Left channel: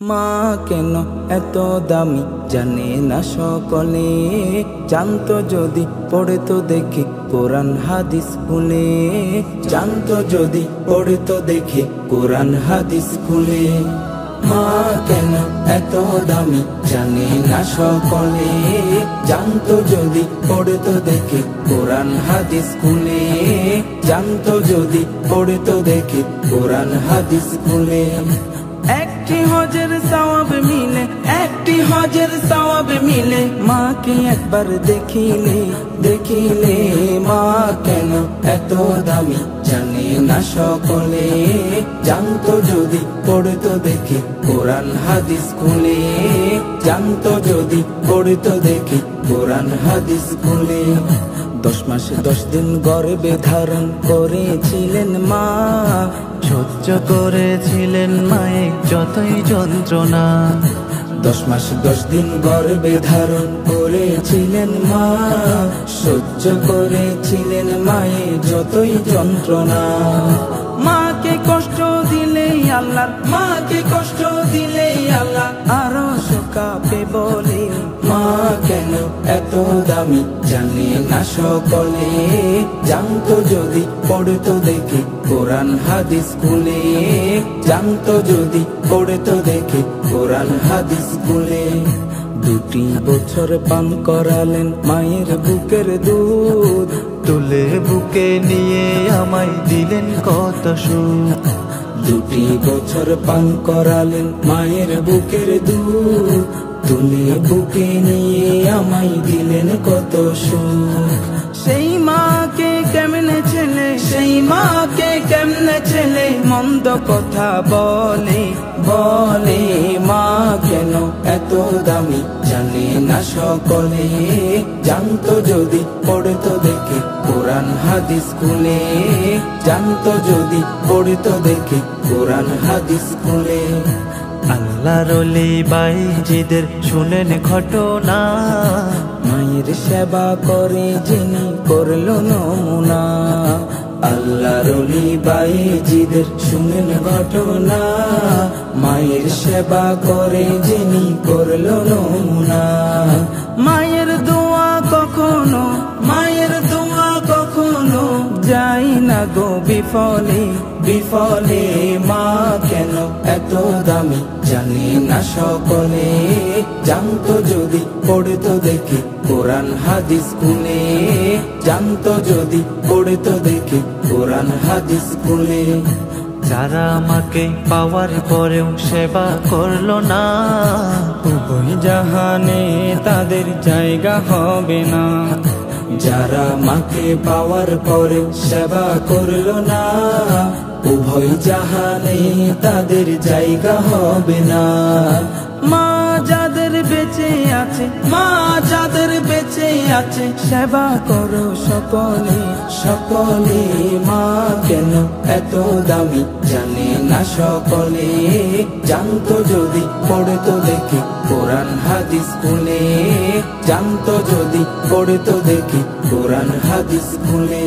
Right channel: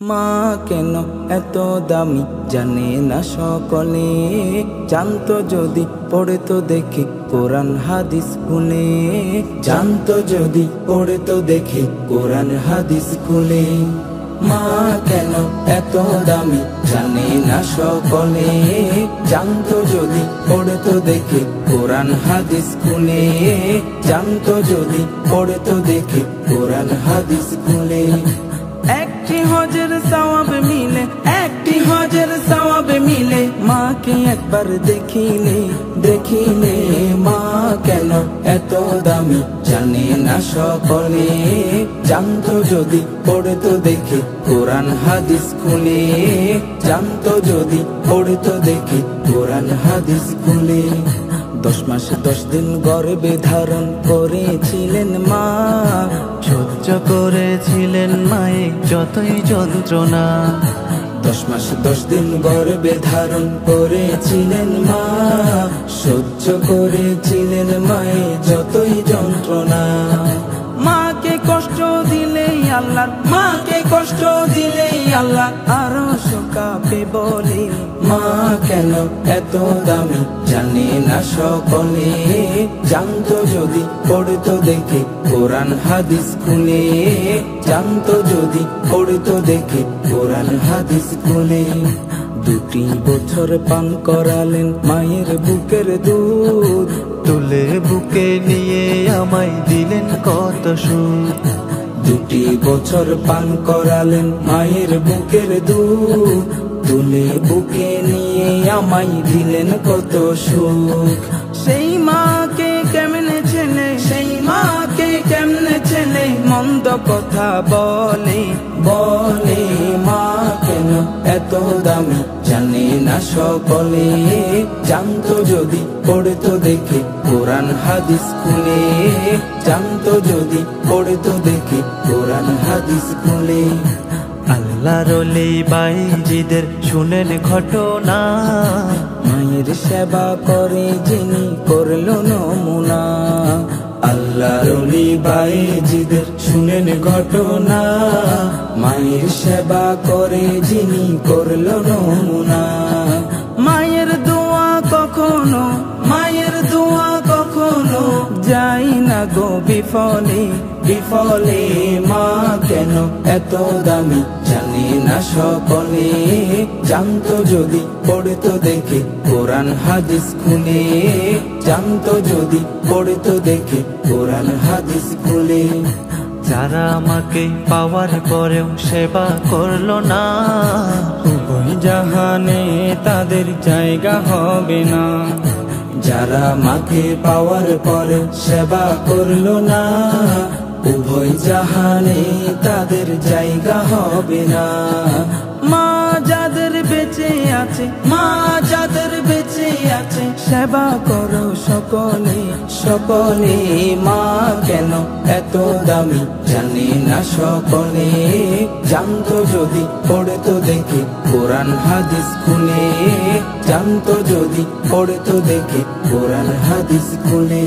মা কেন এত দামি জানে না সকলে, জানতো যদি পড়ে তো দেখি কোরআন হাদিস খুলে, জানতো যদি পড়ে তো দেখি কোরআন হাদিস খুলে। মা কেন এত দামি জানে না সকলে, জানতো যদি পড়ে তো দেখি কোরআন হাদিস খুলে, জানতো যদি পড়ে তো দেখি কোরআন হাদিস খুলে। একটি হজের সওয়াব মিলে, একটি হজের সওয়াব মিলে, মাকে একবার দেখিলে দেখিলে। মা কেন এত দামি জানে না সকলে, জানতো যদি পড়ে তো দেখি কোরআন হাদিস খুলে, জানতো যদি পড়ে তো দেখি কোরআন হাদিস খুলে। 10 মাস 10 দিন গর্ভে ধারণ করেছিলেন মা, সহ্য করেছিলেন মায়ে যতই যন্ত্রণা। 10 মাস 10 দিন গর্ভে ধারণ করেছিলেন মা, সহ্য করেছিলেন মায়ে যতই যন্ত্রণা। মাকে কষ্ট দিলেই আল্লাহ, মাকে কষ্ট দিলেই আল্লাহ আরো শোকাবে বলে। মা কেন এত দামি জানে না সকলে, জানতো যদি পড়ে তো দেখি কোরআন হাদিস খুলে, জানতো যদি পড়ে তো দেখি কোরআন হাদিস খুলে। 2 বছর পান করালেন মায়ের বুকের দুধ, তুলে বুকে নিয়ে আমায় দিলেন কত সুখ। 2 বছর পান করালেন মায়ের বুকের দুধ, তুলে বুকে নিয়ে আমায় দিলেন কত সুখ। সেই মাকে কেমনে ছেলে, সেই মাকে কেমনে ছেলে মন্দ কথা বলে বলে। মা কেন এত দামি জানে না সকলে, জানতো যদি পড়ে তো দেখি কোরআন হাদিস খুলে, জানতো যদি পড়ে তো দেখি কোরআন হাদিস খুলে। আল্লাহর ওলি বাইজিদের শুনেন ঘটনা, মায়ের সেবা করে যিনি করলো নমুনা। আল্লাহর ওলি বাইজিদের শুনেন ঘটনা, মায়ের সেবা করে যিনি করলো নমুনা। মায়ের দোয়া কখনো, মায়ের দোয়া কখনো যাই না গো বিফলে বিফলে। মা কেন এত দামি জানে না সকলে, জানতো যদি পড়ে তো দেখি কোরআন হাদিস খুলে, জানতো যদি পড়ে তো দেখি কোরআন হাদিস খুলে। যারা আমাকে পাওয়ার পরেও সেবা করলো না, উভয় জাহানে তাদের জায়গা হবে না। যারা মাকে পাওয়ার পরে সেবা করলো না, উভয় জাহানে তাদের জায়গা হবে না। মা যাদের বেঁচে আছে, মা যাদের বেঁচে আছে সেবা করো সকলে সকলে। মা কেন এত দামি জানে না সকলে, জানতো যদি পড়ে তো দেখি কোরআন হাদিস খুলে, জানতো যদি পড়ে তো দেখি কোরআন হাদিস খুলে।